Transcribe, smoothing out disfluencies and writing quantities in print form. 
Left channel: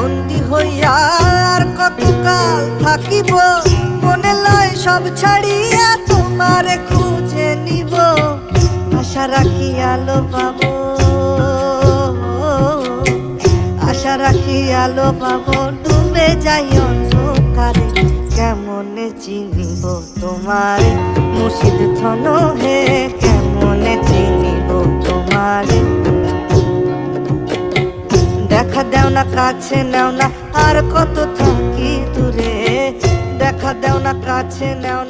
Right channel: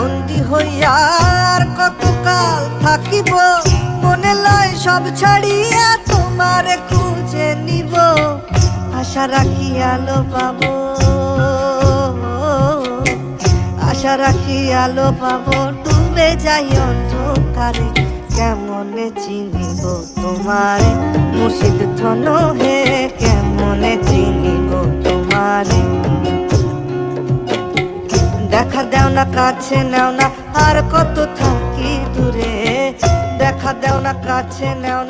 বন্দি হইয়া আর কতকাল থাকিব, মনে লয় সব ছাড়িয়া তোমারে খুঁজে নিব। আশা রাখি আলো পাবো, আশা রাখি আলো পাবো, ডুবে যাই অন্ধকারে। কেমনে চিনিব তোমায় মুর্শিদ জনমে, কেমনে চিনিব তোমারে। দেখা দেও না, কাছে নাও না, আর কত থাকি দূরে। দেখা দেও না, কাছে নাও না।